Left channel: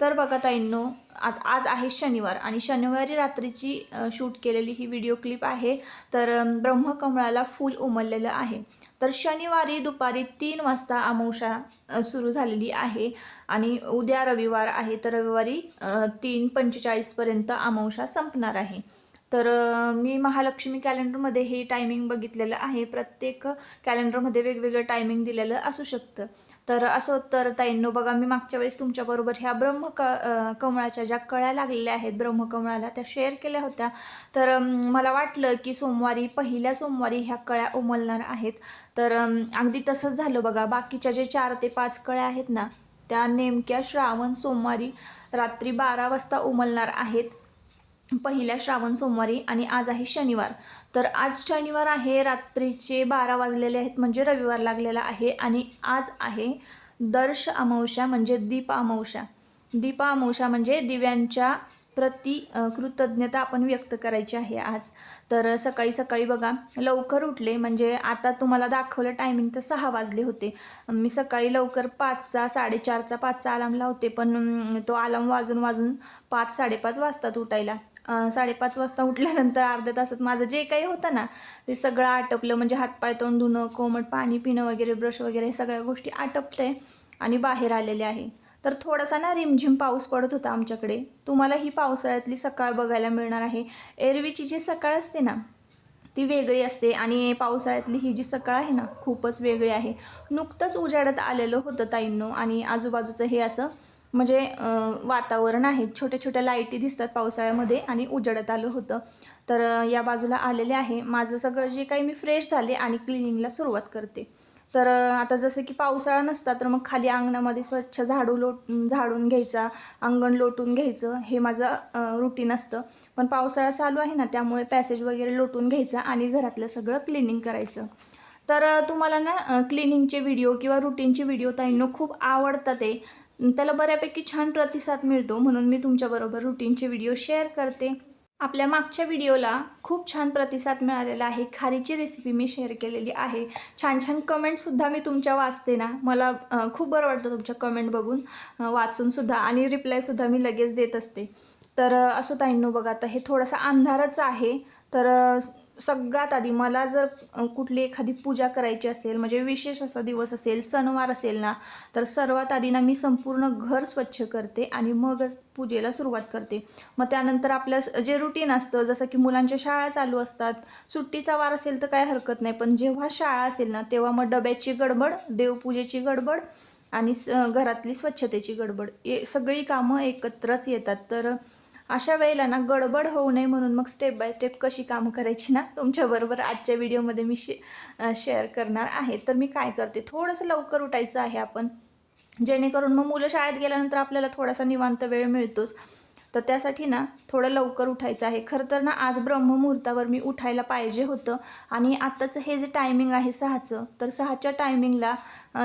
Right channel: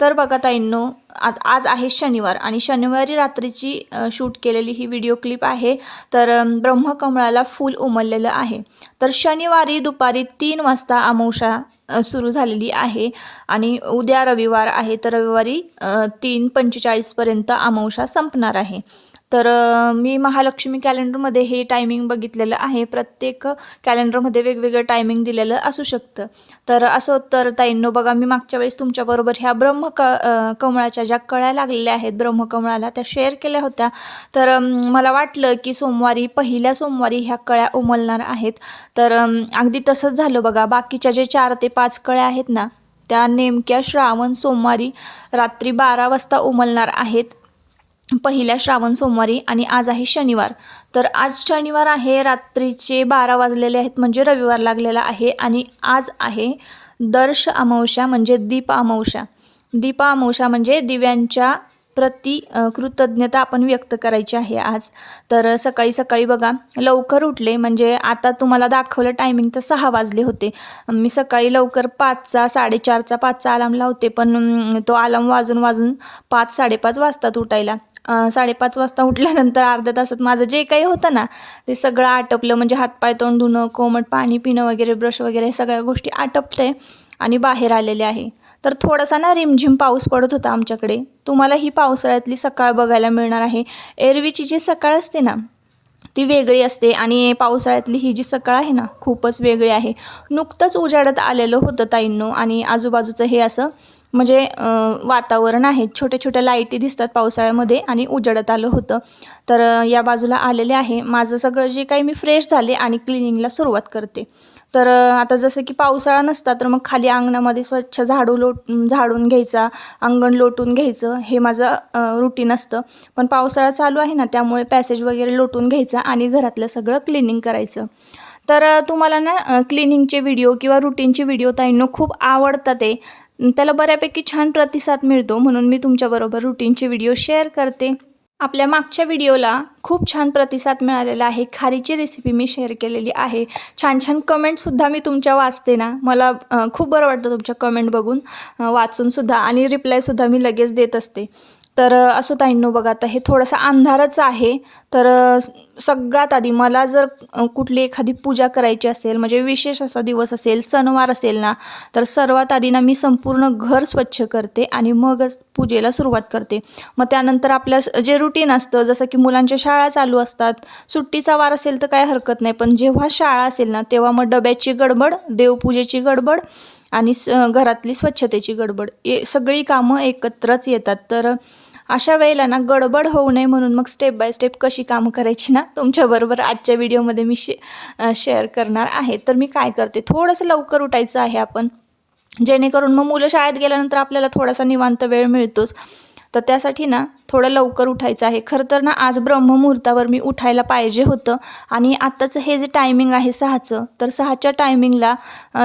तर बघा ताईंनो आज आज आहे शनिवार आणि शनिवारी रात्रीची शूट केलेली ही व्हिडिओ क्लिप आहे. तर ब्रह्मकमळाला फूल उमललेलं आहे. तर शनिवारी दुपारी तीन वाजता अमावशा सुरू झालेली आहे आणि उद्या रविवार आहे. तर रविवारी तीन पंचेचाळीसपर्यंत अमावशा संपणार आहे. तर मी महालक्ष्मी कॅलेंडरमध्ये हे टायमिंग बघितलेलं आहे. प्रत्येक कॅलेंडरमध्ये वेगवेगळं टायमिंग दिलेलं असू शकतं. तर असं तर ताईंनो बघा मी मागच्या वेळेस तुमच्याबरोबर ह्या ब्रह्म क कमळाच्या ज्या कळ्या लागलेल्या आहेत ब्रह्मकमळाला त्या शेअर केल्या होत्या. तर मला वाटलं की सोमवारी पहिल्या सोमवारी ह्या कळ्या उमलणार आहेत. तर अगदी तसंच झालं बघा. बाकीच्या जे चार ते पाच कळ्या आहेत ना त्या नेमक्या श्रावण सोमवारी रात्री बारा वाजता उमलणार आहेत. पहिल्या श्रावण सोमवारी आणि आज आहे शनिवार. तर आज शनिवार आहे रात्रीचे बारा वाजलेले आहेत म्हणजे रविवार लागलेला आहे आणि आज आहे दर्श अमावस्या म्हणजे दीप अमावस्या. दीप अमावस्या म्हणजे दिव्यांच्या प्रति कृतज्ञता आपण व्यक्त करायची आहे आज. तर सकाळी सकाळी बघा लवकर उठले म्हणजे आता तुम्हाला दाखवलं टायमिंग तर सहा वाजले होते. मी सकाळी लवकर पाचचा साडेचारचा पाचचा अलार्म लावते पण तो अलार्म वाजून वाजून पाच साडेपाच वाजतात उठायला. साडेपाच वाजता उठल्यानंतर अर्ध्या तासात माझं जे काही होतं ना ते सगळं आटपलं म्हणजे हातपाय तोंड धुणं कोमट पाणी पिणं वगैरे ब्रश वगैरे सगळ्या गोष्टी आटपते आणि बाहेर आलेले आहे. तर थोडासा ना रिमझिम पाऊस पडत होता आमच्याकडे. तुम्हाला ही पावसाळ्यातली सकाळ बघायला मिळणार आहे. एरवीची जी सकाळ असते ना ती वेगळी असते आणि पावसाळ्यातली ही जी सकाळ आहे ना खूपच वेगळी आहे. नुकतंच उजाडत आलेलं होतं ताईंनो आणि आजूबाजूचं हे असं म्हणजे वातावरण आहे. छोट्या छोट्या लाईटी दिसतात पावसाळ्यामध्ये आणि उजाडत आलं होतं. तर या बाजूला आलेले आहे. माझं सगळं जे काही मी फ्रेश झाले आणि क्लिनिंगला सुरुवात करते. तर आता जसं की पावसाळा नसता तर मग खाली अंगणामध्ये स्वच्छ झाडू लोट झाडून घ्यायचा अंगण लोटून घ्यायचं हे माझं रुटीन असतं. पण पावसाळा चालू आहे ना त्यामुळे पॅसेज वगैरे लोटून घ्यायचं आणि घरातलं सगळं क्लिनिंग करायचं. तर तुम्हाला ना क्लिनिंगचे व्हिडिओ किंवा रुटीनचे व्हिडिओ ताईंनो खूप आवडतात ते त्याला बऱ्यापैकी छान प्रतिसाद मिळतो म्हणून मी तुमच्याबरोबर रुटीनचे व्हिडिओ शेअर करते. आपल्या मागच्या व्हिडिओला खूप छान प्रतिसाद मिळालेला आहे. खारीची रेसिपी मी शेअर केलेली आहे. छान छान कमेंटसुद्धा मी तुमच्या वाचते ना. मला खूप बरं वाटतं तुमच्या कमेंट बघून वाचूनसुद्धा आणि रिप्लायसुद्धा मी लगेच देत असते. तर असो ताईंनो बघा आता हे थोडंसं अंधारच आहे. तर सगळ्यात आधी मला जर कुठली एखादी पूजा करायची असेल म्हणजे विशेष असा दिवस असेल सणवार असेल ना तर सर्वात आधी ना मी संपूर्ण घर स्वच्छ करते आणि मगच पूजेला सुरुवात करते. मग त्यानंतर आपलं जे रुटीन असतं जसं की मुलांच्या शाळा चालू असतात सुट्टीचा वार असेल तर काय हरकत नाही पण जेव्हा शाळा असेल ना तेव्हा मग डब्याची गडबड देवपूजेची गडबड आणि स घरातली स्वच्छतेची गडबड ये सगळी कामं एकत्रच येतात. तर अशा वेळेला ना गडबड होऊ नये म्हणून मग स्टेप बाय स्टेप कशी कामं करायची ना तुमच्याबरोबर आजच्या व्हिडिओमध्ये मी शे शेअर करणार आहे. तर मी काय करते थोडंसं लवकर उठायचं आहे आपण. जेणेकरून मग मुलं शाळेत गेल्यानंतर आपल्याला थोडासा निवांत वेळ मिळतोच. तर त्यासाठी ना थोडं लवकर उठायचं आहे. खरं तर ना आज ब्रह्ममुहूर्तावर मी उठायला पाहिजे होतं. आणि आत्ताचं हे जे टायमिंग आहे सहाचं तर सहाच्या टायमिंगला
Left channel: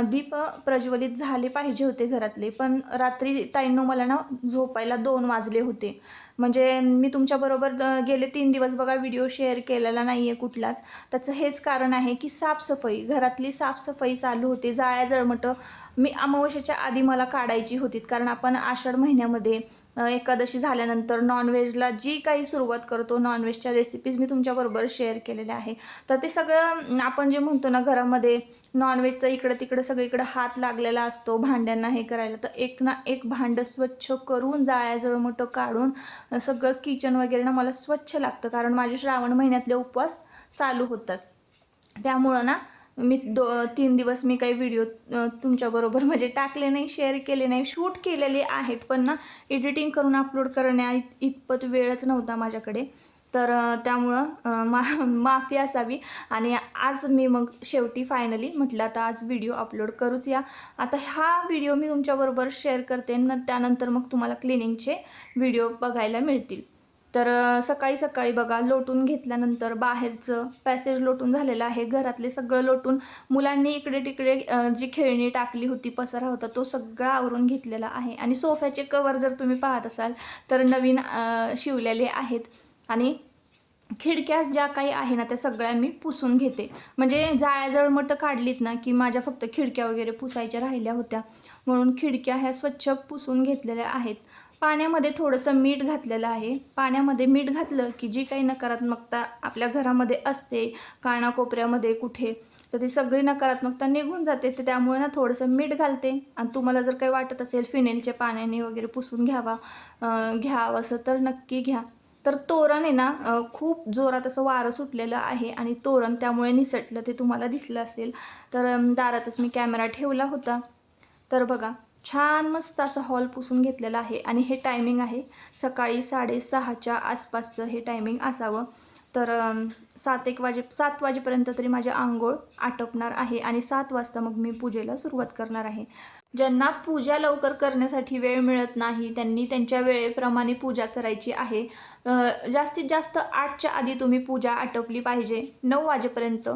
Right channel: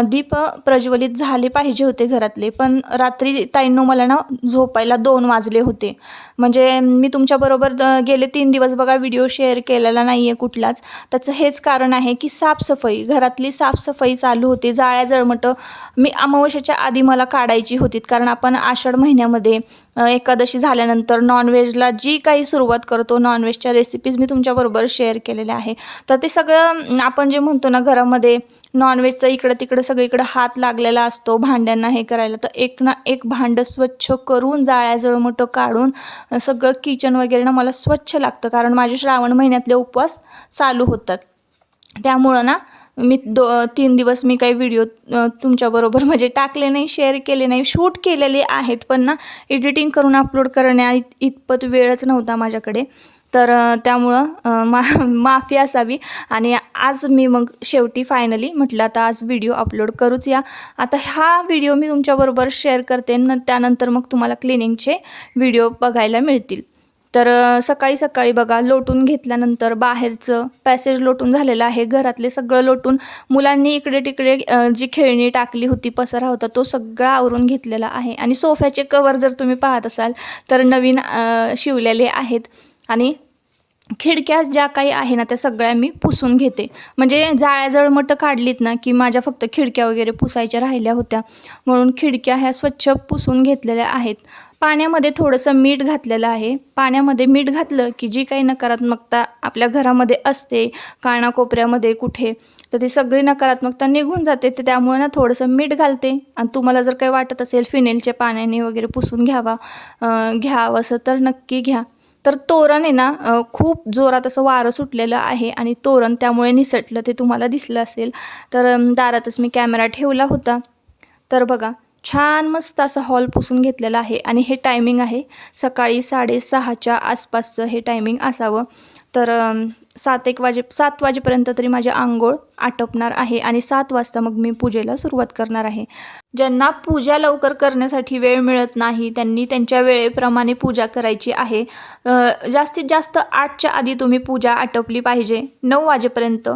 दीप प्रज्वलित झाले पाहिजे होते घरातले. पण रात्री ताईंनो मला ना झोपायला दोन वाजले होते. म्हणजे मी तुमच्याबरोबर गेले तीन दिवस बघा व्हिडिओ शेअर केलेला नाही आहे कुठलाच. त्याचं हेच कारण आहे की साफसफाई घरातली साफसफाई चालू होती. जाळ्या जळमटं मी अमावस्याच्या आधी मला काढायची होती. कारण आपण आषाढ महिन्यामध्ये एकादशी झाल्यानंतर नॉन नॉनव्हेजला जी काही सुरुवात करतो नॉनव्हेजच्या रेसिपीज मी तुमच्याबरोबर शेअर केलेल्या आहे. तर ते सगळं आपण जे म्हणतो ना घरामध्ये नॉनव्हेजचं इकडं तिकडं सगळीकडं हात लागलेला असतो भांड्यांना हे करायला तर एक ना एक भांडं स्वच्छ करून जाळ्या मोठं काढून सगळं किचन वगैरे ना मला स्वच्छ लागतं कारण माझे श्रावण महिन्यातले उपवास चालू होतात. त्यामुळं ना मी दो तीन दिवस मी काही व्हिडिओ तुमच्याबरोबर म्हणजे टाकले नाही शेअर केले नाही शूट केलेले आहेत. पण ना एडिटिंग करून अपलोड करण्या इत- इतपत वेळच नव्हता माझ्याकडे. तर त्यामुळं मा माफी असावी. आणि आज मी मग शेवटी फायनली म्हटलं आता आज व्हिडिओ अपलोड करूच या. आता हा व्हिडिओ मी तुमच्याबरोबर शेअर करते. न त्यानंतर मग तुम्हाला क्लिनिंगचे व्हिडिओ बघायला मिळतील. तर सकाळी सकाळी बघा लोटून घेतल्यानंतर बाहेरचं पॅसेज लोटून झालेलं आहे. घरातले सगळं लोटून मुलांनी इकडे तिकडे जी खेळणी टाकली होती पसरा होता तो सगळा आवरून घेतलेला आहे. आणि सोफ्याचे कवर जर तुम्ही पाहत असाल तर नवीन शिवलेले आहेत. आणि खिडक्या ज्या काही आहे ना त्या सगळ्या मी पुसून घेते. म्हणजे जाळ्या जळमटं काढलीत ना की माझ्या फक्त खिडक्या वगैरे पुसायच्या राहिल्या होत्या. म्हणून खिडक्या ह्या स्वच्छ पुसून घेतलेल्या आहेत. पाण्यामध्ये थोडंसं मीठ घातलेलं आहे. पाण्यामध्ये मीठ घातलं की जी काही नकारात्मकता आपल्या घरामध्ये असते कानाकोपऱ्यामध्ये कुठे तर ती सगळी नकारात्मकता निघून जाते. तर त्यामुळे ना थोडंसं मीठ घालते. आणि तुम्हाला जर काही वाटत असेल फिनेलच्या पाण्याने वगैरे पुसून घ्यावा घ्यावं असं तर नक्की घ्या. तर तोरण आहे ना खूप जोरात असं वारं सुटलेलं आहे आणि तोरण त्यामुळे निसटलं ते तुम्हाला दिसलं असेल. तर दारातच मी कॅमेरा ठेवला होता. तर बघा छान मस्त असा हॉल पुसून घेतलेला आहे आणि हे टायमिंग आहे. सकाळी साडेसहाच्या आसपासचं हे टायमिंग असावं. तर सात एक वाजे सात वाजेपर्यंत तरी माझे आंघोळ आटपणार आहे आणि सात वाजता मग मी पूजेला सुरुवात करणार आहे. ज्यांना पूजा लवकर करण्यासाठी वेळ मिळत नाही त्यांनी त्यांच्या वेळेप्रमाणे पूजा करायची आहे. जास्तीत जास्त आठच्या आधी तुम्ही पूजा आटपली पाहिजे. नऊ वाजेपर्यंत.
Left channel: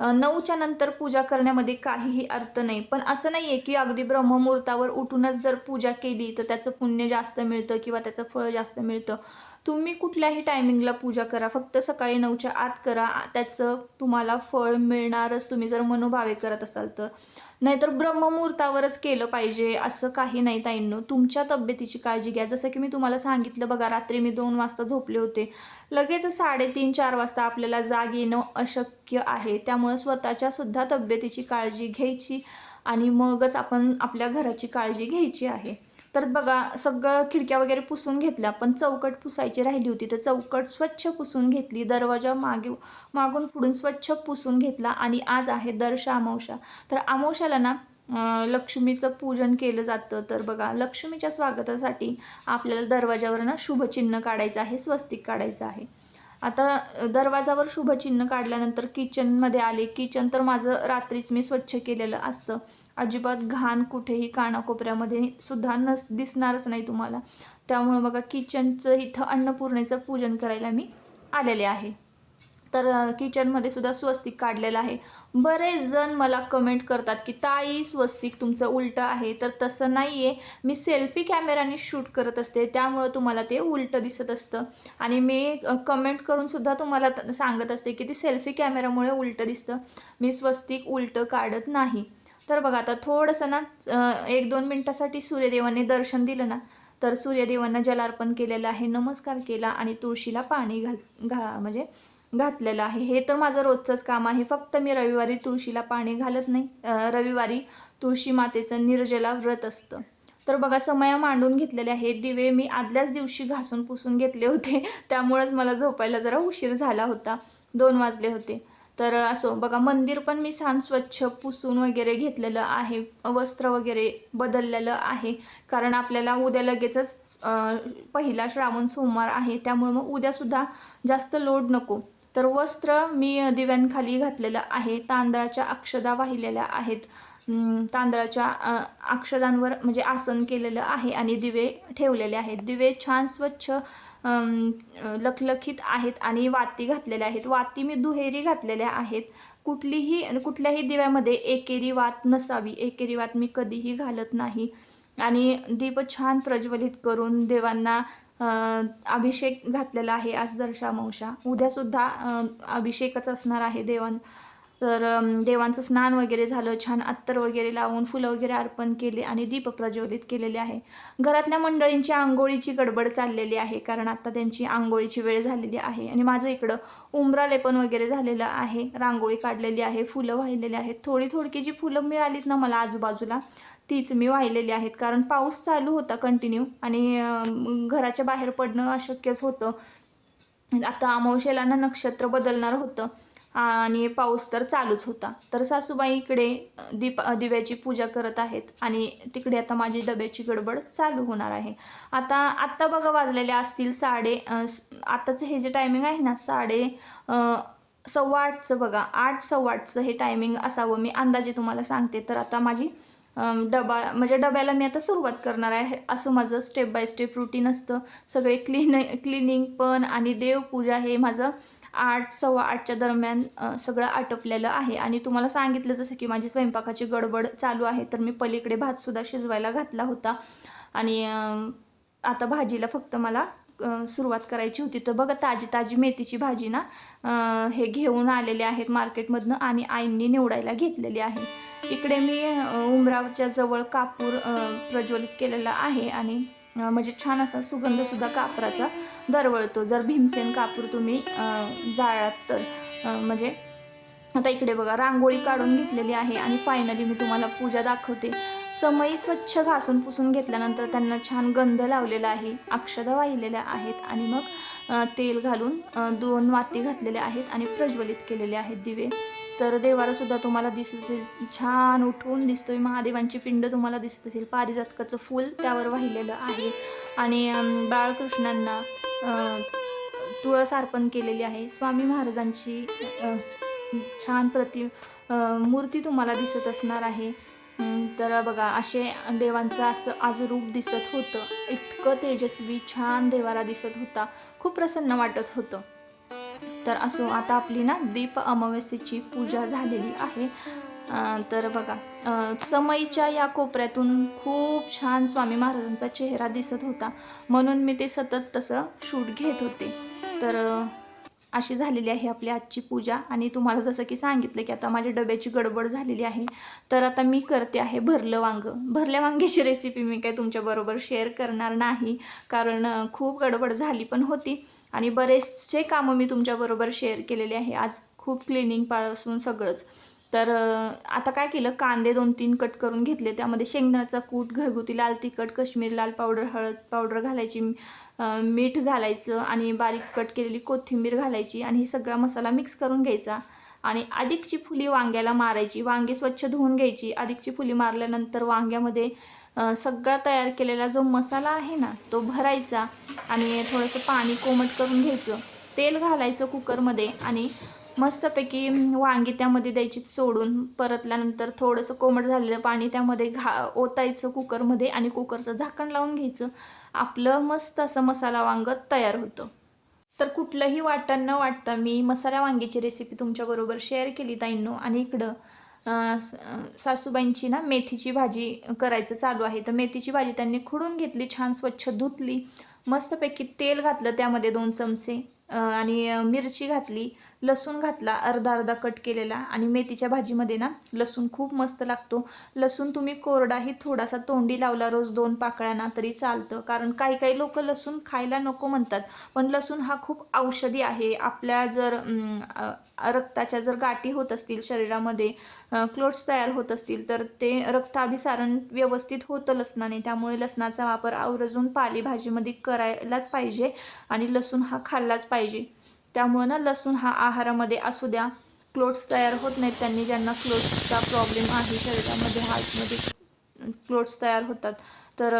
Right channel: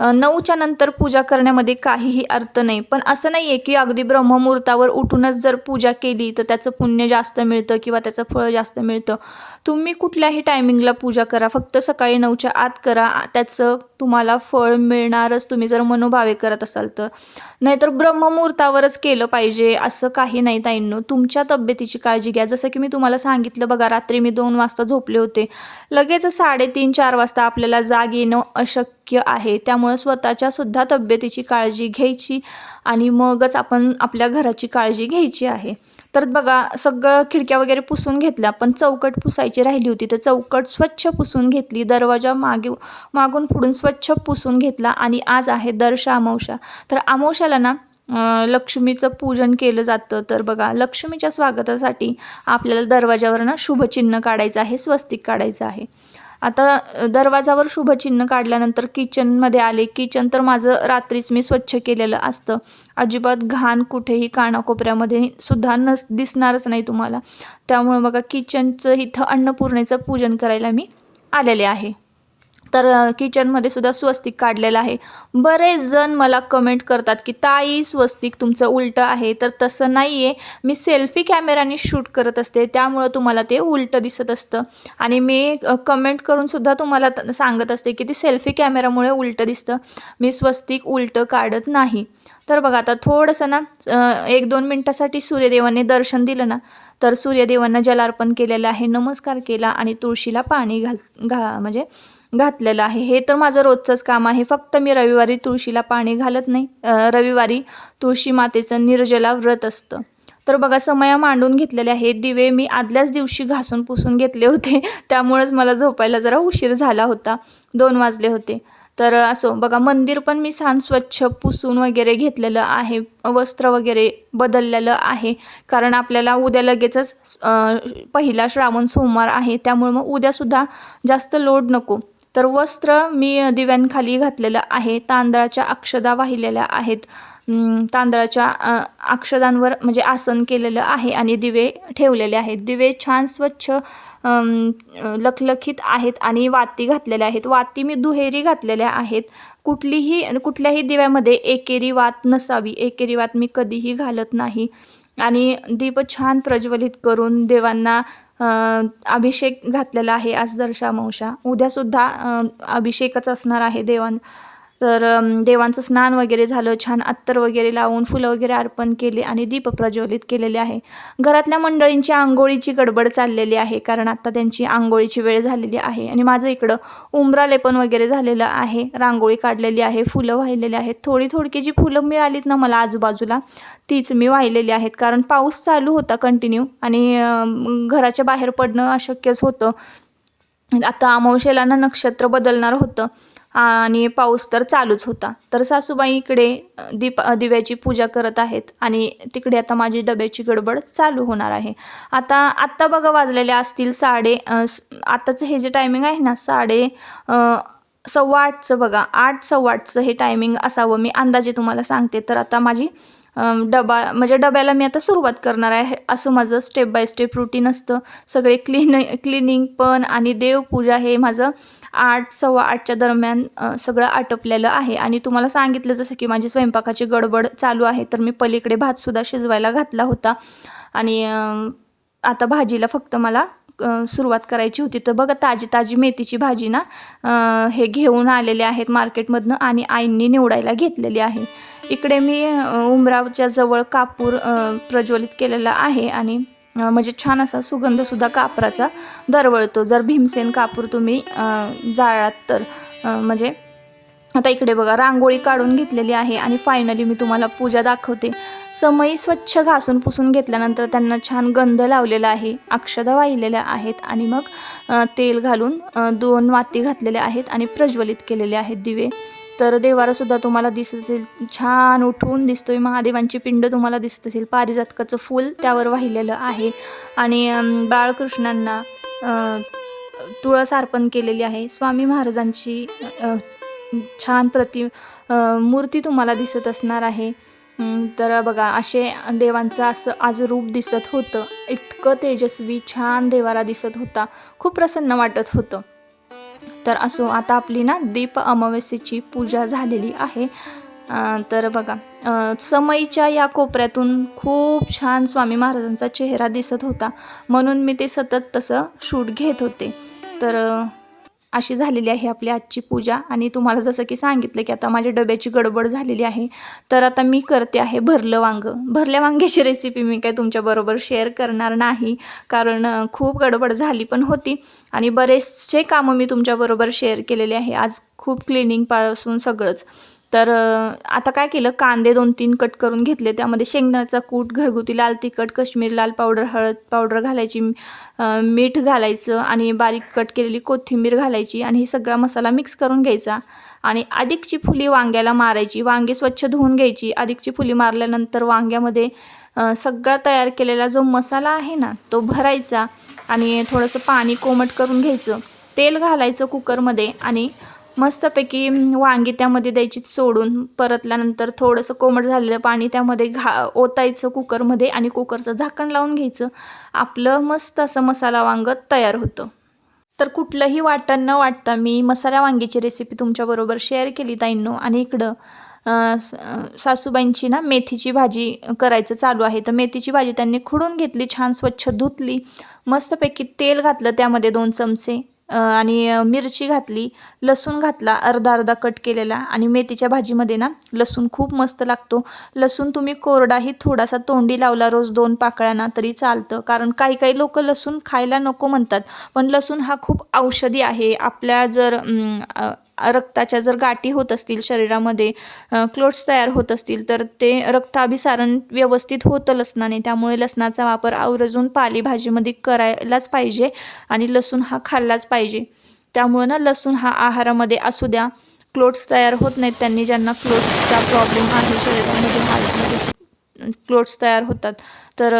नऊच्या नंतर पूजा करण्यामध्ये काहीही अर्थ नाही. पण असं नाही आहे की अगदी ब्रह्ममुहूर्तावर उठूनच जर पूजा केली तर त्याचं पुण्य जास्त मिळतं किंवा त्याचं फळ जास्त मिळतं. तुम्ही कुठल्याही टायमिंगला पूजा करा फक्त सकाळी नऊच्या आत करा त्याचं तुम्हाला फळ मिळणारच तुम्ही जर मनोभावे करत असाल तर. नाहीतर ब्रह्ममुहूर्तावरच केलं पाहिजे असं काही नाही ताईंनो. तुमच्या तब्येतीची काळजी घ्या. जसं की मी तुम्हाला सांगितलं बघा रात्री मी दोन वाजता झोपले होते. लगेच साडेतीन चार वाजता आपल्याला जाग येणं अशक्य आहे. त्यामुळं स्वतःच्या सुद्धा तब्येतीची काळजी घ्यायची आणि मगच आपण आपल्या घराची काळजी घ्यायची आहे. तर बघा सगळं खिडक्या वगैरे पुसून घेतल्या पण चौकट पुसायची राहिली होती. तर चौकट स्वच्छ पुसून घेतली दरवाजा मागे मागून पुढून स्वच्छ पुसून घेतला आणि आज आहे दर्श अमावस्या. तर अमावस्याला ना लक्ष्मीचं पूजन केलं जातं. तर बघा लक्ष्मीच्या स्वागतासाठी आपल्याला दरवाजावर ना शुभचिन्ह काढायचं आहे स्वस्तिक काढायचं आहे. आता दरवाजावर शुभचिन्ह काढल्यानंतर किचनमध्ये आले. किचन तर माझं रात्रीच मी स्वच्छ केलेलं असतं. अजिबात घाण कुठेही कानाकोपऱ्यामध्ये सुद्धा नस दिसणारच नाही तुम्हाला. त्यामुळे बघा किचनचं इथं अन्नपूर्णेचं पूजन करायला मी आलेले आहे. तर किचनमध्ये सुद्धा स्वस्तिक काढलेलं आहे. बरेच जण मला कमेंट करतात की ताई स्वस्तिक तुमचं उलटं आहे. तर तसं नाही आहे मी सेल्फी कॅमेराने शूट करत असते. त्यामुळं तुम्हाला ते उलटं दिसत असतं. आणि मी कमेंट करूनसुद्धा तुम्हाला त- सांगत असते की ते सेल्फी कॅमेरामुळे उलटं दिसतं. मी स्वस्तिक उलटं काढत नाही. तर बघा आता थोडंसं ना एक दोन मिनटासाठी सूर्यदेवाने दर्शन दिलं ना तर सूर्यदेवांना जलार्पण केलेलं आहे. नमस्कार केला आणि तुळशीला पाणी घाल घा म्हणजे घातलेलं आहे. हे तर माझं रोजचंच काम आहे. फक्त मी रविवारी तुळशीला पाणी घालत नाही. रविवारी तुळशी मातेचं निर्जला व्रत असतं. तर बघा समया मांडून घेतलेले आहेत. दिवे मी आदल्याच दिवशी घासून पुसून घेतले होते. त्यामुळेच मला झोपायला जरा उशीर झाला होता. दोन वाजले होते. तर असो बघा मंदिर पण मी छान स्वच्छ पुसून वगैरे घेतलेलं आहे. वस्त्र वगैरे बदललेलं आहे. कारण आपल्याला उद्या लगेचच पहिला श्रावण सोमवार आहे. त्यामुळे मग उद्यासुद्धा जास्त लोड नको. तर वस्त्र मी दिव्यांखाली घातलेलं आहे. तांदळाच्या अक्षदा वाहिलेल्या आहेत. तांदळाच्या अक्षदांवर म्हणजे आसन केलेलं आहे आणि दिवे ठेवलेले आहेत. दिवे छान स्वच्छ लखलखीत आहेत आणि वाती घातलेल्या आहेत. वाती मी दुहेरी घातलेल्या आहेत. कुठलीही कुठल्याही दिव्यामध्ये एकेरी वात नसावी. एकेरी वात मी कधीही घालत नाही. आणि दीप छान प्रज्वलित करून देवांना अभिषेक घातलेला आहे आज दर्शामावशा उद्यासुद्धा अभिषेकच असणार आहे देवां तर देवांचं स्नान वगैरे झालं छान अत्तर वगैरे लावून फुलं वगैरे अर्पण केले आणि दीप प्रज्वलित केलेले आहे. घरातल्या मंडळींची आंघोळीची गडबड चाललेली आहे कारण आता त्यांची आंघोळीची वेळ झालेली आहे आणि माझं इकडं उंबरा लेपन वगैरे झालेलं आहे. रांगोळी काढलेली आहे फुलं वाहिलेली आहेत. थोडी थोडकी जी फुलं मिळालीत ना मला आजूबाजूला तीच मी वाहिलेली आहेत कारण पाऊस चालू होता कंटिन्यू आणि घराच्या बाहेर पडणं अशक्यच होतं. आता अमावशेला ना नक्षत्र बदलणार होतं. आणि पाऊस तर चालूच होता. तर सासूबाई इकडे दीप दिव्याची पूजा करत आहेत आणि तिकडे आता माझी डब्याची गडबड चालू होणार आहे. आता आत्ता बघा वाजलेले असतील साडे आत्ताचं हे जे टायमिंग आहे ना साडे सव्वा आठचं बघा. आठ सव्वा आठचं हे टायमिंग असावं मी अंदाजे तुम्हाला सांगते. तर आता माझी डबा म्हणजे डब्याला मी आता सुरुवात करणार आहे. असं माझं स्टेप बाय स्टेप रुटीन असतं. सगळे क्लीन क्लिनिंग पण आणि देवपूजा हे माझं आठ सव्वा आठच्या दरम्यान सगळं आटपलेलं आहे. आणि तुम्हाला सांगितलं जसं की माझी स्वयंपाकाची गडबड चालू आहे तर मी पलीकडे भातसुद्धा शिजवायला घातला होता. आणि आता भाजीला फक्त मला सुरुवात करायची होती. तर बघा ताजी ताजी मेथीची भाजी ना हे घेऊन आलेले आहेत मार्केटमधनं आणि आईंनी निवडायला घेतलेली आहे. इकडे मी उमरावच्या जवळ कापूर प्रज्वलित केलेला आहे आणि म्हणजे छान असा सुगंधसुद्धा कापराचा दरवळतो. जर भीमसेन कापूर तुम्ही जाळात तर म्हणजे आता इकडे बघा रांगोळी काढून घेतलेली आहे आणि फायनली मी तुम्हाला पूजा दाखवते. समयी स्वच्छ घासून पुसून घेतल्यानंतर त्यांना छान गंध लावलेला आहे अक्षदा वाहिलेल्या आहेत आणि मग तेल घालून दोन वाती घातलेल्या आहेत आणि प्रज्वलित केलेले आहेत दिवे. तर देवारासुद्धा तुम्हाला दिसत असेल. छान उठून दिसतोय महादेवांची पिंड तुम्हाला दिसत असेल. पारिजातकाचं फूल त्यावर वाहिलेलं आहे. आणि बाळकृष्णांना तुळस अर्पण केलेली आहे. स्वामी महाराजांची छान प्रति मूर्ती तुम्हाला दिसत असणार आहे. तर बघा असे देवांचं असं आज रूप दिसत होतं. इतकं तेजस्वी छान देवारा दिसत होता. खूप प्रसन्न वाटत होतं. तर असो आता आपली ना दीप अमावस्येची पूजा झालेली आहे. तर बघा समईच्या या कोपऱ्यातून खूप छान स्वामी महाराजांचा चेहरा दिसत होता. म्हणून मी ते सतत तसं शूट घेत होते. तर अशी झालेली आहे आपली आजची पूजा. आणि तुम्हाला जसं की सांगितलं की आता माझ्या डब्याची गडबड झालेली आहे. तर आता मी करते आहे भरलं वांगं. भरल्या वांग्याची रेसिपी मी काय तुमच्याबरोबर शेअर करणार नाही. कारण खूप गडबड झाली पण होती. आणि बरेचसे कामं मी तुमच्याबरोबर शेअर केलेले आहे. आज खूप क्लिनिंगपासून सगळंच. तर आता काय केलं? कांदे दोन तीन कट करून घेतले. त्यामध्ये शेंगदाण्याचा कूट घरगुती लाल तिखट काश्मीर लाल पावडर हळद पावडर घालायची मीठ घालायचं आणि बारीक कट केलेली कोथिंबीर घालायची आणि हे सगळा मसाला मिक्स करून घ्यायचा. आणि अधिकची फुली वांग्याला मारायची. वांगे स्वच्छ धुवून घ्यायची. अधिकची फुली मारल्यानंतर वांग्यामध्ये सगळा तयार केलेला जो मसाला आहे ना तो भरायचा आणि थोडंसं पाणी कोमट करून घ्यायचं. तेल घालायचं कुकरमध्ये आणि मस्तपैकी वांगी त्यामध्ये द्यायची सोडून परतल्यानंतर थोडंसं कोमट झालेलं पाणी त्यामध्ये घा ओतायचं कुकरमध्ये आणि कुकरचं झाकण लावून घ्यायचं. आपलं मस्त असं मसाला वांग तयार होतं. तर कुठलंही वाटण न वाटता मी मसाला वांगीची रेसिपी तुमच्याबरोबर शेअर केली ताईंनो. आणि इकडं सासूबाईंची ना मेथीची भाजी करायचं चालू आहे. तर मेथीची भाजी त्यांनी खुडून घेतली छान स्वच्छ धुतली. मस्तपैकी तेल घातलं त्यामध्ये दोन चमचे. आणि मिरची घातली लसूण घातला अर्धा अर्धा कट केलेला आणि मेथीच्या भाजीमध्ये ना लसूण खूप मस्त लागतो. लसूण तुम्ही कोरडाही थोडासा तोंडी लावला रोज दोन पाकळ्यांना तरी चालतं. कारण काही काही लोक लसूण खायला नको म्हणतात. पण लसूण हा खूप औषधी आहे. आपल्या जर रक्ताच्या जर गाठी होत असतील शरीरामध्ये क्लोट्स तयार होत असतील तर ते रक्ताभिसारण व्यवस्थित होतं लसणाने. त्यामुळे लसणाचा वापर आवर्जून पालेभाजीमध्ये करायलाच पाहिजे आणि लसूण हा खाल्लाच पाहिजे. त्यामुळं ना लसूण हा आहारामध्ये असू द्या. क्लोट्स तयार होत नाहीत त्यांनी ज्यांना क्लोट्सचा प्रॉब्लेम आहे शरीरामध्ये हार्टमध्ये क्लोट्स तयार होतात. तर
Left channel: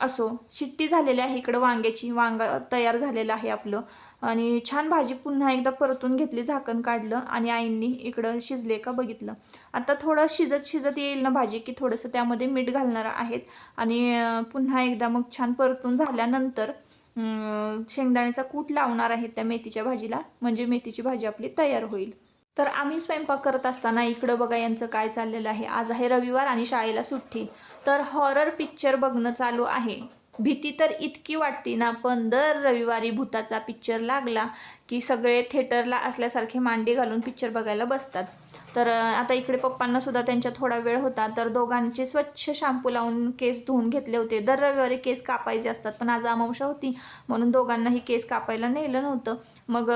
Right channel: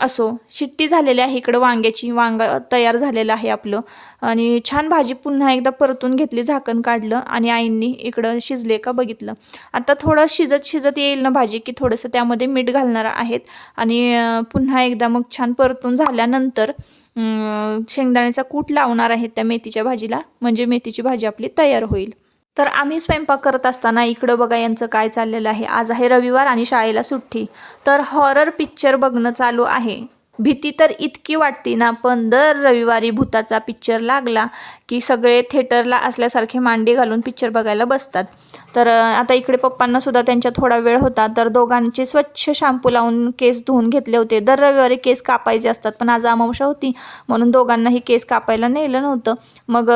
असो शिट्टी झालेली आहे इकडं वांग्याची वांगा तयार झालेलं आहे आपलं. आणि छान भाजी पुन्हा एकदा परतून घेतली झाकण काढलं आणि आईंनी इकडं शिजले का बघितलं. आता थोडं शिजत शिजत येईल ना भाजी की थोडंसं त्यामध्ये मीठ घालणार आहेत. आणि पुन्हा एकदा मग छान परतून झाल्यानंतर शेंगदाण्याचा कूट लावणार आहेत त्या मेथीच्या भाजीला. म्हणजे मेथीची भाजी आपली तयार होईल. तर आम्ही स्वयंपाक करत असताना इकडं बघा यांचं काय चाललेलं आहे. आज आहे रविवार आणि शाळेला सुट्टी. तर हॉरर पिक्चर बघणं चालू आहे. भीती तर इतकी वाटते ना पण दर रविवारी भूताचा पिक्चर लागला की सगळे थिएटरला असल्यासारखे मांडी घालून पिक्चर बघायला बसतात. तर आता इकडे पप्पांनासुद्धा त्यांच्या थोडा वेळ होता तर दोघांचे स्वच्छ शॅम्पू लावून केस धुवून घेतले होते. दर रविवारी केस कापायचे असतात पण आज अमावशा होती म्हणून दोघांनाही केस कापायला नेलं नव्हतं. मग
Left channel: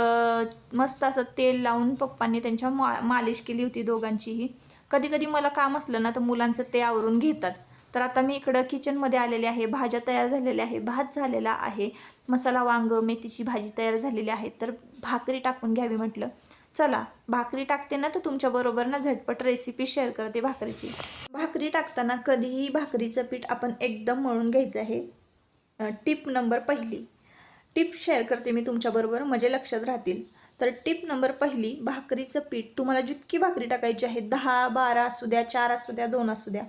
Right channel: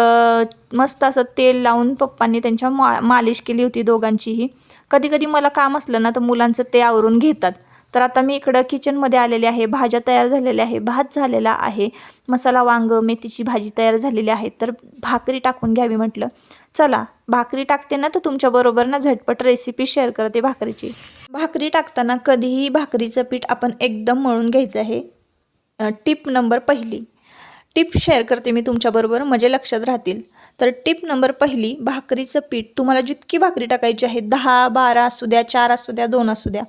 मस्त असं तेल लावून पप्पांनी त्यांच्या मा मालिश केली होती दोघांचीही. कधी कधी मला काम असलं ना तर मुलांचं ते आवरून घेतात. तर आता मी इकडं किचनमध्ये आलेले आहे भाज्या तयार झालेल्या आहे भात झालेला आहे मसाला वांग मेथीची भाजी तयार झालेली आहे तर भाकरी टाकून घ्यावी म्हटलं. चला भाकरी टाकते ना तर तुमच्याबरोबर ना झटपट रेसिपी शेअर करते भाकरीची. भाकरी टाकताना कधीही भाकरीचं पीठ आपण एकदम मळून घ्यायचं आहे. टिप नंबर पहिली. टिप शेअर करते मी तुमच्याबरोबर म्हणजे लक्षात राहतील. तर टिप नंबर पहिली भाकरीचं पीठ तुम्हाला जितकी भाकरी टाकायची आहे दहा बारा असू द्या चार असू द्या दोन असू द्या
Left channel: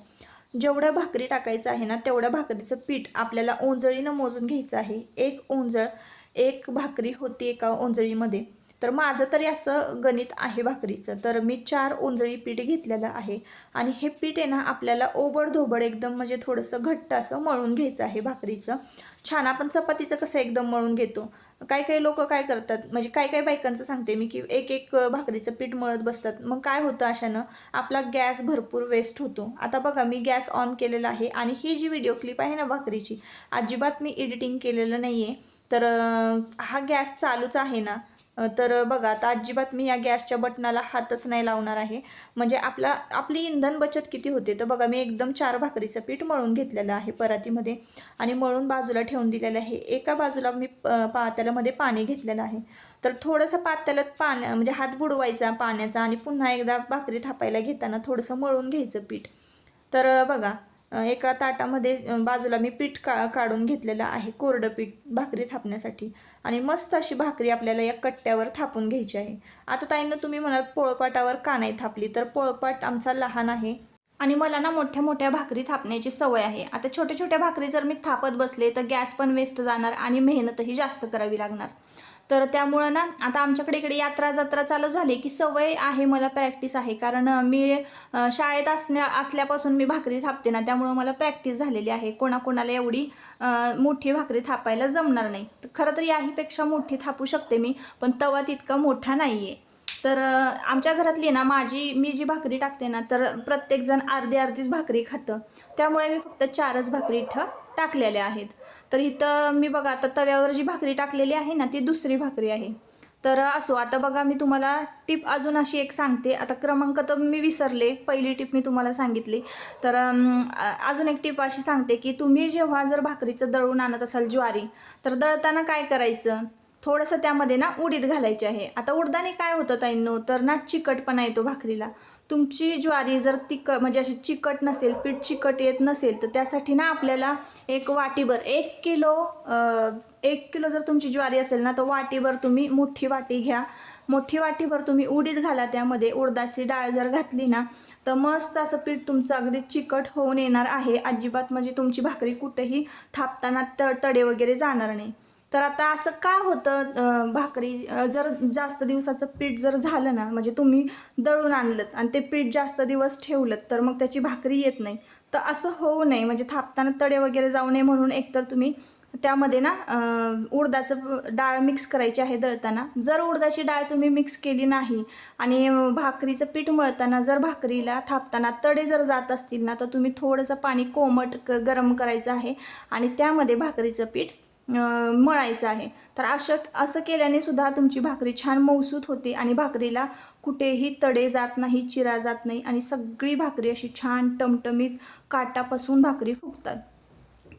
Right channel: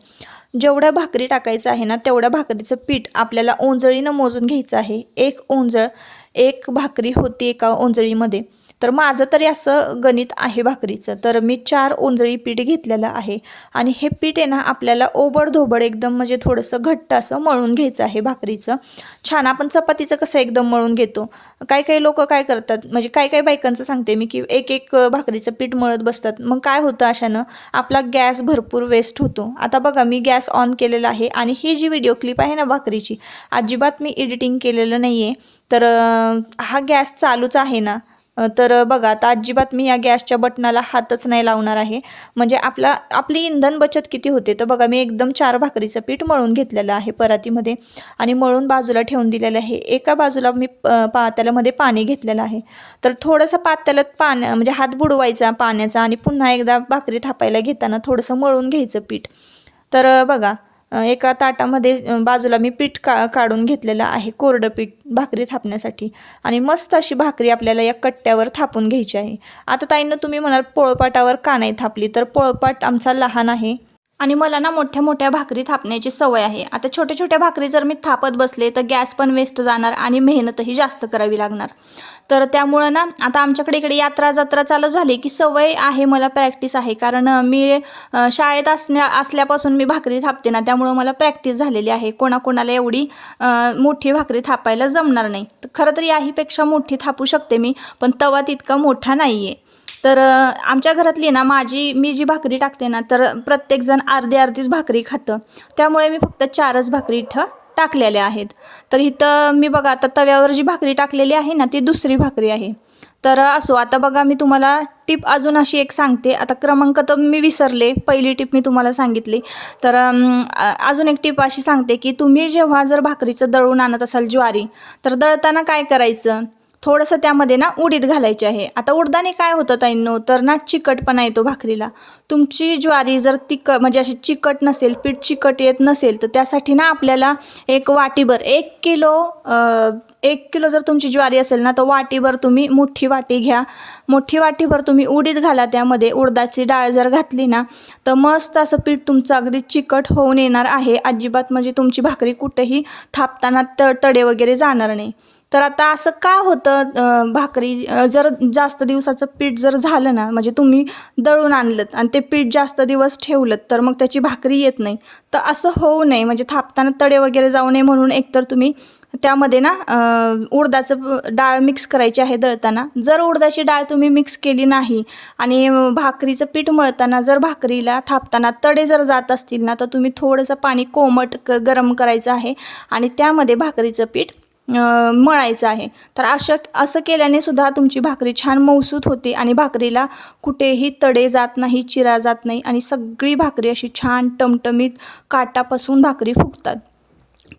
जेवढं भाकरी टाकायचं आहे ना तेवढ्या भाकरीचं पीठ आपल्याला ओंजळीनं मोजून घ्यायचं आहे. एक ओंजळ एक भाकरी होती एका ओंजळीमध्ये. तर माझं तरी असं गणित आहे भाकरीचं. तर मी चार ओंजळी पीठ घेतलेलं आहे. आणि हे पीठ आहे ना आपल्याला ओबडधोबड एकदम म्हणजे थोडंसं घट्ट असं मळून घ्यायचं आहे भाकरीचं. छान आपण चपातीचं कसं एकदम मळून घेतो. काही काही लोक काय करतात म्हणजे काही काही बायकांचं सांगते मी की एक एक भाकरीचं पीठ मळत बसतात. मग काय होतं अशानं आपला गॅस भरपूर वेस्ट होतो. आता बघा मी गॅस ऑन केलेला आहे आणि ही जी व्हिडिओ क्लिप आहे ना भाकरीची अजिबात मी एडिटिंग केलेलं नाही आहे तर हा गॅस चालूच आहे ना. तर बघा आता अजिबात मी या गॅसच्या बटनाला हातच नाही लावणार आहे. म्हणजे आपला आपली इंधन बचत किती होते? तर बघा मी एकदम चार भाकरीचं पीठ मळून घेतलेलं आहे परातीमध्ये आणि मळून बाजूला ठेवून दिलेलं आहे. एका बाजूला मी अ, पाणी घेतलेलं आहे. तर थोडंसं पात्याल्यात पाण्या म्हणजे हात बुडवायचा पाण्याचा आणि पुन्हा एकदा भाकरी थापायला घेताना थोडंसं मळून घ्यायचं पीठ. तर बघा एका ताटामध्ये बाजूला मी पीठ का काढून घेतलेलं आहे कोरडं पीठ भाकरी थापण्यासाठी. आणि मस्त अशी भाकरी आपल्याला या कट्ट्यावर थापून घ्यायची आहे. आता ताईंनं तुम्ही म्हणाल पोळपाटावर का नाही थापली? तर पोळपाट आमचा लहान आहे. आणि मला ना मोठ्या मोठ्या भाकरी थापण्याची सवय आहे. आता छोट्या छोट्या भाकरी जर मी थापत बसले तर गॅस पण वेस्ट जाणार आणि मेहनतही जास्त करावी लागणार. तर त्यामुळं ना आता आमच्याकडे इकडे यात्रा जत्रा चालू झाली की सवय आहे मला प्रॅक्टिस आहे. कारण मी शाळेत असण्या असल्यापासून मी भाकरी थापते ना त्यामुळं मला प्रॅक्टिस झालेली आहे. कोणाकोणाला एवढी मोठी भाकरी थापायला जमणार नाही. तर खरं तर याहीपेक्षा मोठी थापू शकते मी पण तवा तितका मोठा नाही आहे तर आमच्या घरातली ना माझी मी जी भाकरी टाकते ना तर प्रत्येकजण अर्धी अर्धीच भाकरी खातं. त्यामुळे मी फक्त चारच भाकरी इथं टाकलेल्या आहेत. तर इथं मी बघा आता तव्यावर जी भाकरी टाकलेली आहे ना ती दुसरी भाकरी आहे. तर असो आता बघा मी तुम्हाला टिप अजून अशी एक सांगते. आता क्रमांक तर मी विसरले पहिली टिप मी तुम्हाला सांगितली. तर अजून एक टिप अशी सांगते की तुम्ही जेव्हा जर भाकरीचं दळून आणत असाल ज्वारी तर दळताना काय करायचं? थोडंसं त्यामध्ये ना उडीद घालायची आहे. आता उडदाने काय होतं ताईंनो? तर ना चिकटपणा येतो भाकरीला. तुमची ज्वारी जर तिक म्हणजे अशी चिकट नसेल पीठ चिकट येत नसेल तर त्यासाठी ना आपल्याला एक वाटीभर एक किलो एक किलो जर तुमची ज्वारी असेल ना तर वाटीभर तुम्ही मोठी वाटी घ्या. मोठी वाटीभर तुम्ही उडीद घाला त्यामध्ये. उडदाची डाळ जर घातली ना तर मस्त असं पीठ तुमचं अगदी चिकट होऊन येणार आहे. अजिबात म्हणजे तुमची भाकरी कुठेही थापताना त तडे वगैरे जाणार नाही. तर आता असं का होतं भाकरी जर जास्त दिवसाचं पीठ जर झालं ना म्हणजे तुम्ही दळून आणलं आणि ते पीठ जास्त दिवस ठेवलं तर मग त्याची भाकरी येत नाही. तर असं होऊ नये म्हणजे थापताना तडे वगैरे जाऊ नये म्हणून एकतर तुम्ही त्यामध्ये ना उडदाचं डाळ मिक्स करायची आहे दळताना. जर उडदाची डाळ तुम्ही मिक्स केली नाही आणि भाकरीचं पीठ मळताना जर भाकरीला थापताना तडे जर जात असतील ना तर तुम्ही थोडंसं पाणी कोमट क गरम करायचं आहे आणि त्यामध्ये भाकरीचं पीठ मळायचं आहे. तर अशा असं केल्याने सुद्धा तुमची भाकरी छान मौसूत होते आणि भाकरीला कुठेही तडे जात नाही चिरा जात नाही आणि सगळी भाकरी अशी छान टमटमीत काटापासून भाकरी फुगतात.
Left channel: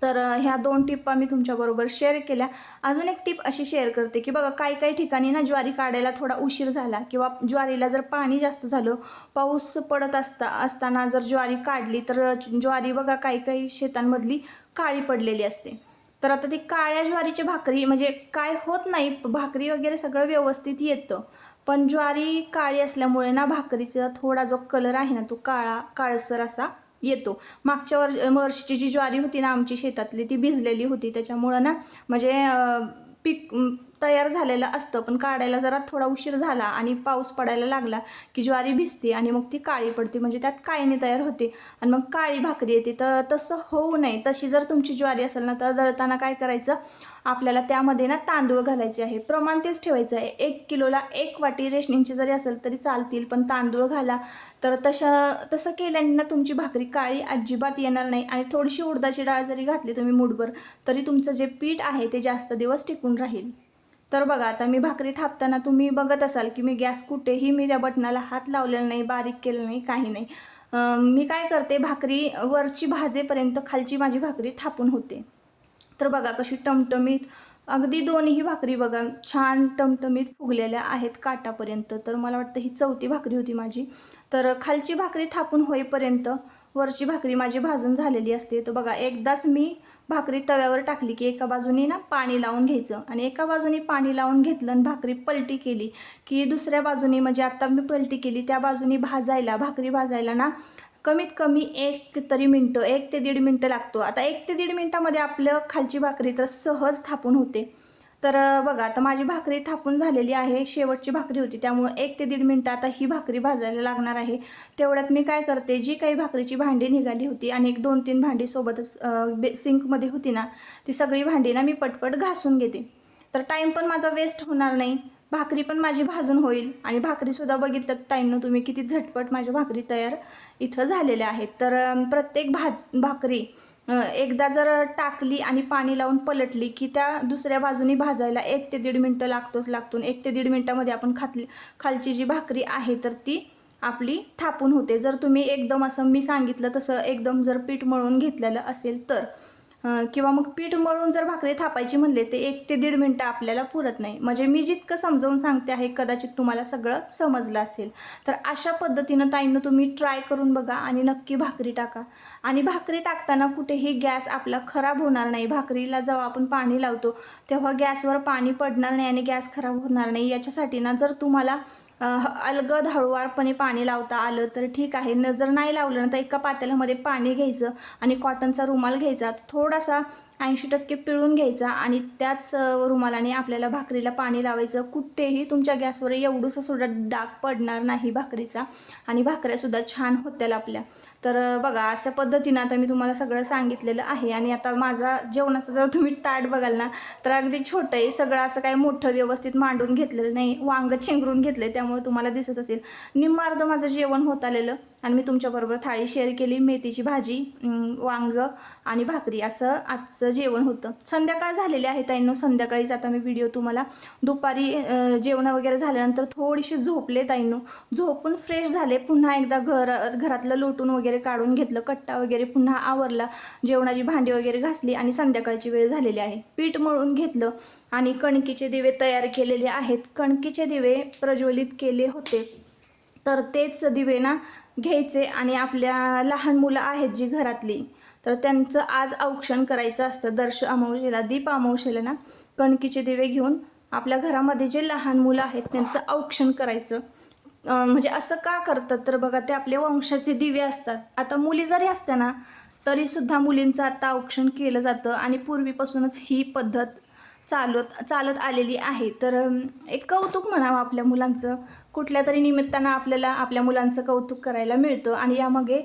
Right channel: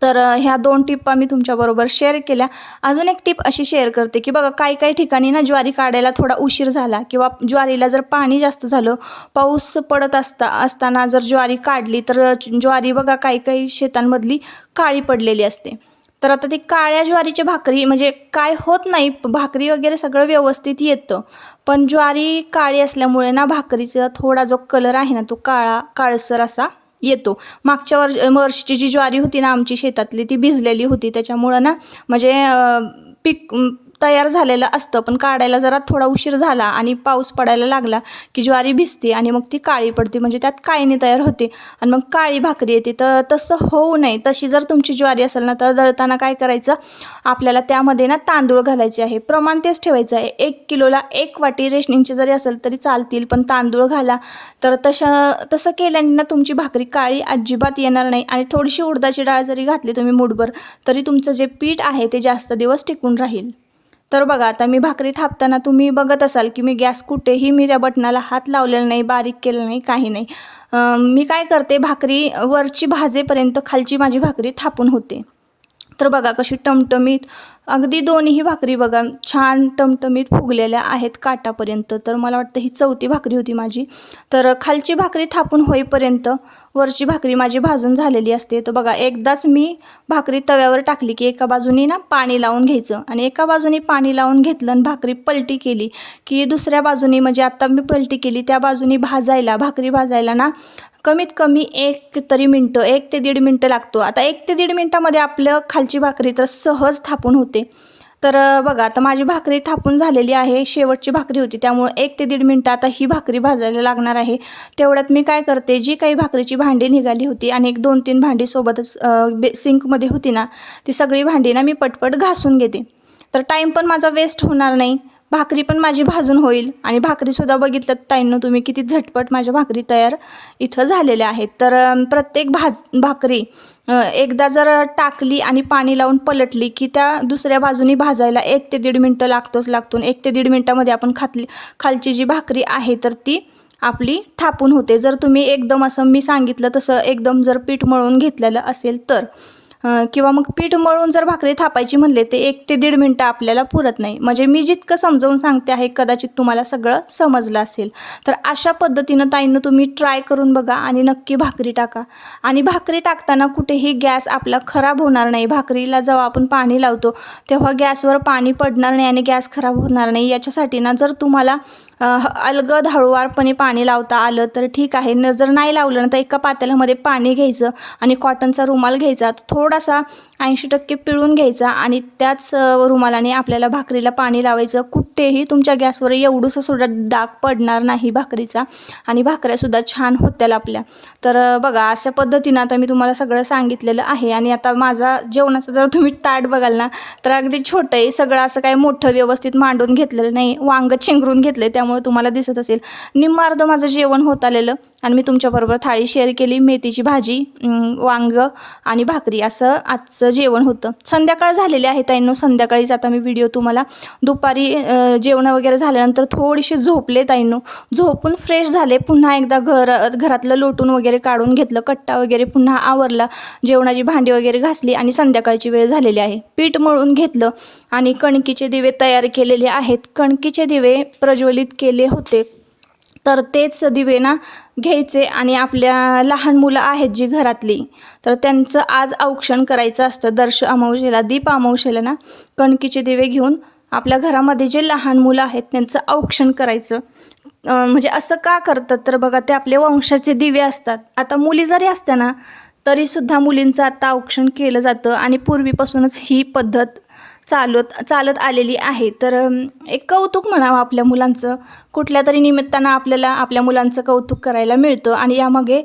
तर ह्या दोन टिप्पा मी तुमच्याबरोबर शेअर केल्या. अजून एक टिप अशी शेअर करते की बघा काही काही ठिकाणी ना ज्वारी काढायला थोडा उशीर झाला किंवा ज्वारीला जर पाणी जास्त झालं पाऊस पडत असता असताना जर ज्वारी काढली तर ज्वारी बघा काही काही शेतांमधली काळी पडलेली असते. तर आता ती काळ्या ज्वारीची भाकरी म्हणजे काय होत नाही भाकरी वगैरे सगळं व्यवस्थित येतं. पण ज्वारी काळी असल्यामुळे ना भाकरीचा थोडा जो कलर आहे ना तो काळा काळसर असा येतो. मागच्या वर्ष वर्षीची जी ज्वारी होती ना आमची शेतातली ती भिजलेली होती. त्याच्यामुळं ना म्हणजे पीक तयार झालेलं असतं. पण काढायला जरा थोडा उशीर झाला आणि पाऊस पडायला लागला की ज्वारी भिजते आणि मग ती काळी पडते. म्हणजे त्यात काळीने तयार होते. आणि मग काळी भाकरी येते. तर तसं होऊ नये. तशी जर तुमची ज्वारी असेल ना तर दळताना काय करायचं? आपल्याला त्यामध्ये ना तांदूळ घालायचे आहे. प्रमाण तेच ठेवायचं आहे. एक किलोला एक वाटी रेशनिंगची जरी असेल तरी चालतील पण तांदूळ घाला. तर तशा तसं केल्याने ना तुमची भाकरी काळी अजिबात येणार नाही. आणि थोडीशी उडदाची डाळ जरी घातली तुम्ही मुठभर तरी तुमचं जे पीठ आहे ते जास्त दिवस टिकून राहील. तर बघा आता मी भाकरी थापताना तुम्ही बघत असाल की मी गॅस कुठेही मी त्या बटनाला हात लावलेला नाही बारीक केलं नाही काही नाही. मी काय करते भाकरी वरची भाजेपर्यंत खालची माझी भाकरी थापून होते. तर बघा कशी टमटमीत अगदी दोन्ही भाकरी बघा छान टमटमीत फुगलेल्या आहेत काटापर्यंत. तर मला वाटतं ही चौथी भाकरी होती माझी. तर खालची भाकरी थापून होईपर्यंत वरची भाकरी माझी भाजून झालेली असते. तर बघा एकदाच मी भाकरी तव्यावर टाकली की एका बाजूनी ना पाणी लावून घ्यायचं आणि एका बाजूनी पाणी लावून घेतलं आणि भाकरी पलटी केली की दुसऱ्या बाजूनी म्हणजे आत्ता मी पलटी केली त्या बाजूनी भाजायला भाकरी भाजायला ना कमीत कमी एक तरी मिनटं एक ते दीड मिनटं लागतो. आता एक ते दीड मिनटामध्ये आपलं खालची भाकरी तर सहज थापून होते. तर बघा आता माझी भाकरी थापून झालेली आहे शेवटची भाकरी होती त्यामुळे एक ते दीड मिनटं आता ही भाकरी भाजायला लागणार आहे. तेवढ्यात मी काय करते जी काही भाकरीची भांडी निघाली होती आणि एक दोन तीन भांडी सोबतच बे सिंकमध्ये होती ना ती सगळी भांडी ना मी पटपट घासून घेते. तर टाईम पण माझा वेस्ट होणार नाही. भाकरी पण माझी भाजून होईल. आणि भाकरीसुद्धा बघितलं ताईंनं तुम्ही किती झटपट माझ्या भाकरी तयार इथं झालेल्या आहेत. तर प्रत्येक भाज भाकरी एकदा जर टाकली आणि पाणी लावून पलटली की त्या दुसऱ्या बाजूनी भाजायला एक ते दीड मिनटं लागतोच लागतो एक ते दीड मिनटामध्ये आपण खातली खालची जी भाकरी आहे तर ती आपली थापून होते. जर तुम्ही एकदम असं मी सांगितलं तसं एकदम जर पीठ मळून घेतलेलं असेल तर. किंवा मग पीठ मळून जर भाकरी थापायची म्हणले ते एक ते दीड मिनटं आपल्याला पुरत नाही. म्हणजे मी जितकं समजावून सांगते आहे कदाचित तुम्हाला सगळं समजलं असेल. तर अशा पद्धतीनं ताईंनं तुम्ही ट्राय करून बघा आणि नक्की भाकरी टाका. आणि भाकरी टाकताना कुठेही गॅस आपला खराब होणार नाही. भाकरीला जेव्हा आपण पाणी लावतो तेव्हा गॅसवर पाणी पडणार नाही आणि गॅस खराब होणार नाही. याच्यासाठी ना जर तुम्हाला अलगद हळूवारपणे पाणी लावता आलं तर ठीक आहे. नजर नाही लावलं ना तर एका पातेल्यामध्ये पाणी घ्यायचं आणि कॉटनचा रुमाल घ्यायचा. थोडासा ऐंशी टक्के पिळून घ्यायचा आणि त्याच रुमालाने आपल्याला भाकरीला पाणी लावायचं. कुठेही तुमच्या गॅसवर एवढंसं सुद्धा डाग पडणार नाही भाकरीचा आणि भाकऱ्यासुद्धा छान होत्याल आपल्या. तर बघा अशा पद्धतीनं आता मी तुम्हाला सगळं सांगितलेलं आहे आणि आता माझा जेवणाचं जर तुम्ही ताट बघाल ना तर अगदी छोटं आहे. सगळं असं काही मोठं व्यवस्थित मांडून घेतलेलं नाही. वांग चेंगरून घेतलं त्यामुळे तुम्हाला दिसत असेल. निम्मार्ध माझं जेवण होत आलेलं. आणि मी तुमच्याबरोबर थाळी शेअर केली मेथीची भाजी वांग आणि भाकरी असं आजचं जेवण होतं. संध्याकाळ झालेली आहे ताईंनो संध्याकाळीच आता मी व्हिडिओ तुम्हाला दुपारी जेवण वगैरे झाल्यानंतर थोडीशी झोपले ताईंनो. झोपून फ्रेश झाले पुन्हा एकदा घर घरातलं लोटून वगैरे काढून घेतलं कट्टा वगैरे पुन्हा आवरला जेवणाची भांडी वगैरे घासली आणि संध्याकाळची वेळ झालेली आहे. पीठ मळून घेतलं आणि कणकीचे दिवे तयार केलेले आहेत. कणकीचे दिवे प्रज्वलित केले होते. तर तेच दिवे ना घ्यायचे आणि आपल्या लहान मुलं आहेत जी घरातली तर त्यांचं आज औक्षण करायचं असतं. दर्श अमावशेला दीप अमावशेला ना कणकीचे दिवे घेऊन आपल्या घरामध्ये जे लहान मुलं आहेत त्यांचं औक्षण करायचं. म्हणजे असं का करतात? तर बघा ते आपले वंशाचे दिवे असतात. आता मुली जरी असत्या ना तरीसुद्धा मुलींचं आता औक्षण केलं जातं आणि पूर्वीपासूनच ही पद्धत चालत चालत आलेली आहे. तर एक कौतुक म्हणावं आपल्या मुलांचं. कुठल्या तरी निमित्तानं आपल्याला आपल्या मुलांचं कौतुक करायला मिळतं आणि यामागे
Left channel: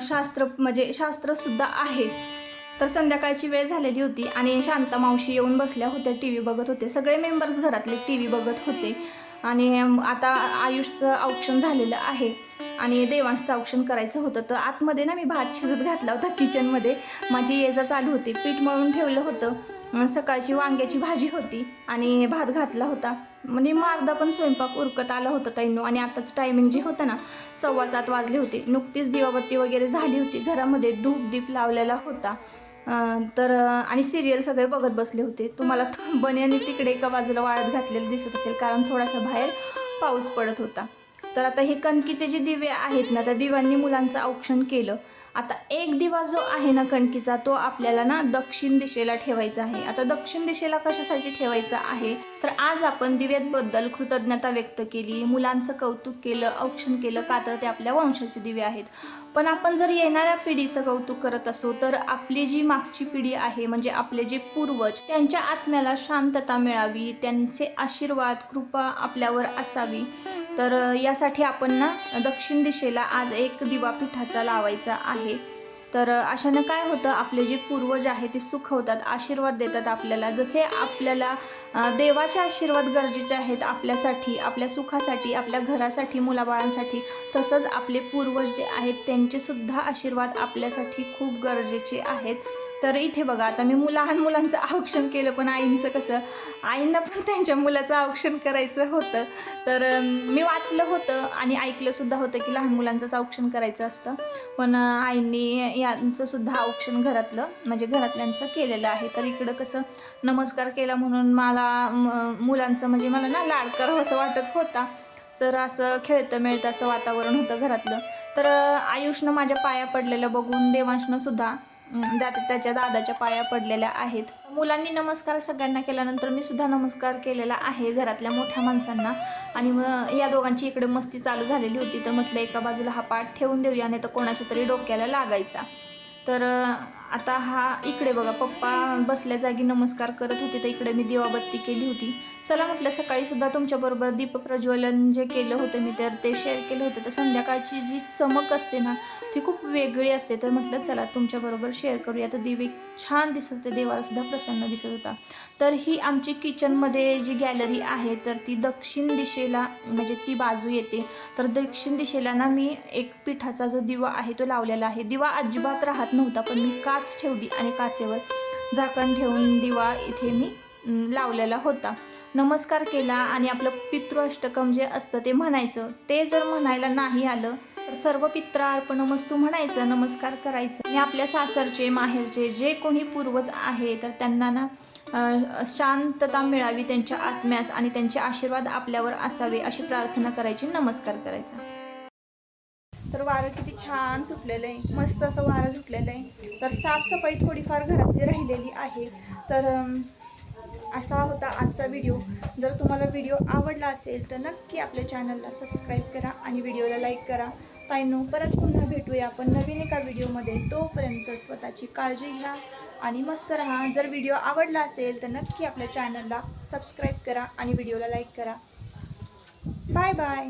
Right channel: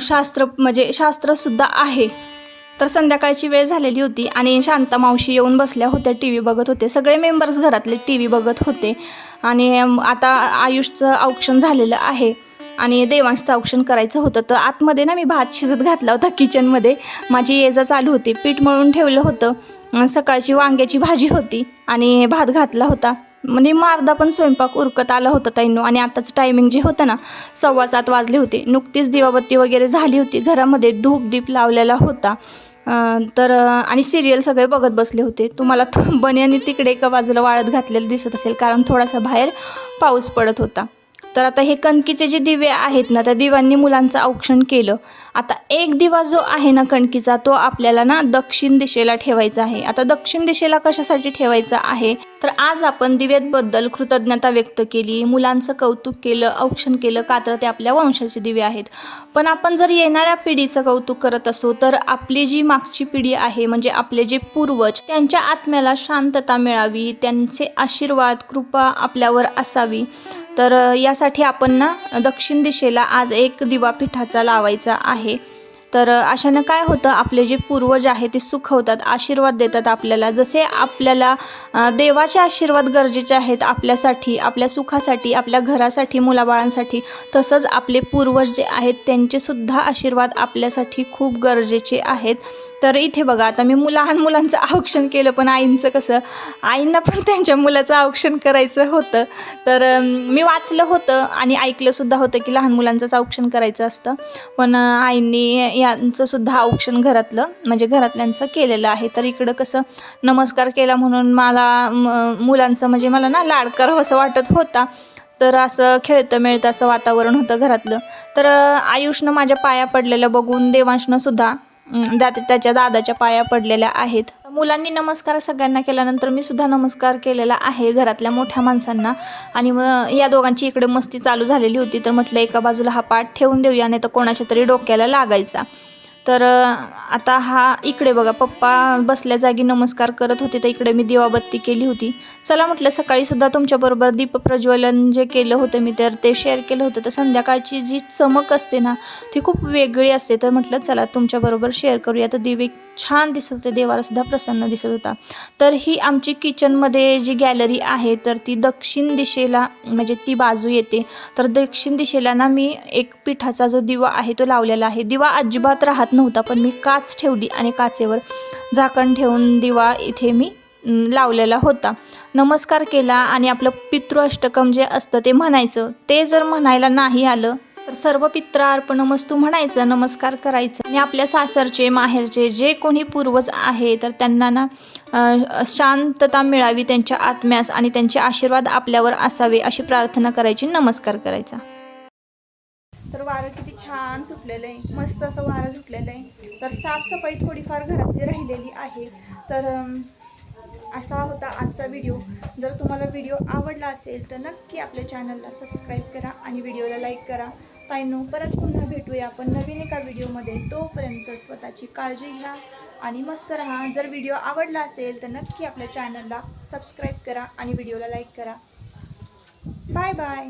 शास्त्र म्हणजे शास्त्रसुद्धा आहे. तर संध्याकाळची वेळ झालेली होती आणि शांता मावशी येऊन बसल्या होत्या टी व्ही बघत होते. सगळे मेंबर्स घरातले टी व्ही बघत होते. आणि आता आयुषचं औक्षण झालेलं आहे आणि देवांशचं औक्षण करायचं होतं. तर आतमध्ये ना मी भात शिजत घातला होता किचनमध्ये माझी ये जा चालू होती. पीठ मळून ठेवलं होतं. सकाळची वांग्याची भाजी होती आणि भात घातला होता. म्हणजे मारदा पण स्वयंपाक उरकत आला होता ताईंनो. आणि आताचं टायमिंग जे होतं ना सव्वा सात वाजले होते. नुकतीच दिवाबत्ती वगैरे झाली होती. घरामध्ये धूप दीप लावलेला होता. तर आणि सिरियल सगळे बघत बसले होते. तुम्हाला तो बन्यानी तिकडे एका बाजूला वाळत घातलेलं दिसत असेल कारण थोडासा बाहेर पाऊस पडत होता. तर आता हे कणकीचे जे दिवे आहेत ना त्या दिव्यांनी मुलांचं औक्षण केलं. आता एक दिवा जो आहे ना कणकीचा तो आपल्याला ना दक्षिण दिशेला ठेवायचा आहे. आता दक्षिण दिशेला कशासाठी ठेवायचा आहे? तर आज आपण दिव्यांबद्दल कृतज्ञता व्यक्त केली मुलांचं कौतुक केलं औक्षण केलं. का तर ते आपल्या वंशाचे दिवे आहेत. पण आपण जर येणाऱ्या पिढीचं कौतुक करत असू तर आपली जी मागची पिढी आहे म्हणजे आपले जे पूर्वज त्यांच्या आत्म्याला शांतता मिळावी त्यांचे आशीर्वाद कृपा आपल्यावर असावी. तर यासाठी आपण ना दक्षिण दिशेला आज एक दिवा पिठाचा लावायचा आहे. तर अशानं काय होतं आपले जे पूर्वज आहे ते सुखवतात आशीर्वाद देतात आपल्याला. जसे आपल्याला देवाचे आशीर्वाद गरजेचे आहेत आपल्यासाठी आपल्या सुखासाठी आपल्या घरासाठी मुलाबाळांसाठी तसंच आपले पूर्वज जे आहेत त्यांचे सुद्धा आशीर्वाद आपल्यासाठी खूप गरजेचे आहेत. तर इथे बघा आता मी लहान मुलांचं औक्षण केलं पण आईंचं कसं आईंना पण त्यांच्या मुलाचं औक्षण करायचं होतं. तर मी वाचलं होतं आणि ऐकलंसुद्धा होतं की लहान मुलांचंच औक्षण करायचं असतं. पण आईंनी यांचंसुद्धा औक्षण घरातलं म्हणजे घरातल्यांचं केलेलं आहे. तर इकडं कसं नमस्कार केला म्हणून मला म- मुलांचं म्हणजे मला ना लाड करावं असं वाटत होता. तर असं खेळतं मिळतं असं वातावरण होतं घरातलं. तर आयुषनं माझ्या पाया पडलेलं बघून देवांशनंसुद्धा सुद्धा दात त्याच्या दादाच्या पाया पडलेल्या आहेत. मुलांनी नमस्कार सगळ्यांना केल्यानंतर मी सुद्धा नमस्कार केलेला आहे घरातल्या मोठ्या माणसांना. आणि मग या दोघांची इकडे मस्ती चालू झालेली होती तर म्हटलं एका बाजूला हा पाठ ठेवून देऊया नाही तर कोणाच्या तरी डोक्याला लागायचा. तर आता हा इकडे बघा पप्पा बसल्या जागी नमस्कार करत होते तर इकडे मी दिवाबत्ती केली होती. चला म्हटलं सकाळी सुद्धा तुमच्याबरोबर दीप प्रज्वलन जे केलं होतं मी तर ते शेअर केलं होतं. तर संध्याकाळची जी चमक असते ना ती खूप वेगळी असते. तर म्हटलं चला तुमच्याबरोबर शेअर करूया. तर दिवे छान दिसत होते देवाला सुद्धा प्रसन्न दिसत होता. तर ही आमची किचनमध्ये जी गॅलरी आहे तर ती दक्षिण दिशेला म्हणजे ती बाजू येते. तर दक्षिण दिशेला ना मी एक पिठाचा जो दिवा आहे तो लावलेला आहे. दिवा अजिबात राहत नव्हता पण मी काच ठेवली आणि काचेवर झाकण ठेवून दिवा इथे मी लावलेला होता. नमस्कार केला आणि आपलं पितृअष्टकम जे असतं ते म्हणायचं. ते जर म्हणायला नाही आलं तर सर्व पित्र अर्पण मस्तू म्हणायचं नमस्कार करायचं. आणि आपल्या सासरचे माहेरचे जे कोणी पूर्वज आहे तर त्यांना ना शांतता मिळावी त्यांच्या आत्म्यास आणि त्यांचे आशीर्वाद आपल्यावर असावे अशी प्रार्थना करायची नमस्कार करायचा. तर वारं किती छान सुटलेलं आहे. मस्त असं वारं सुटलेलं आहे. तर साफसफाई थोडीफार घरातली राहिलेली आहे. तर असा होता आजचा व्हिडिओ जर तुम्हाला व्हिडिओ आवडला असेल तर नक्की आपल्या चॅनलला सबस्क्राईब करा आणि व्हिडिओला लाईक करा. ताईंनो परत पुन्हा भेटूया आपण नवीन एका व्हिडिओमध्ये तोपर्यंत स्वतःची काळजी घ्या आणि मस्त राहा. जर व्हिडिओ आवडला असेल तर नक्की आपल्या चॅनलला सबस्क्राईब करा आणि व्हिडिओला लाईक करा. Bye bye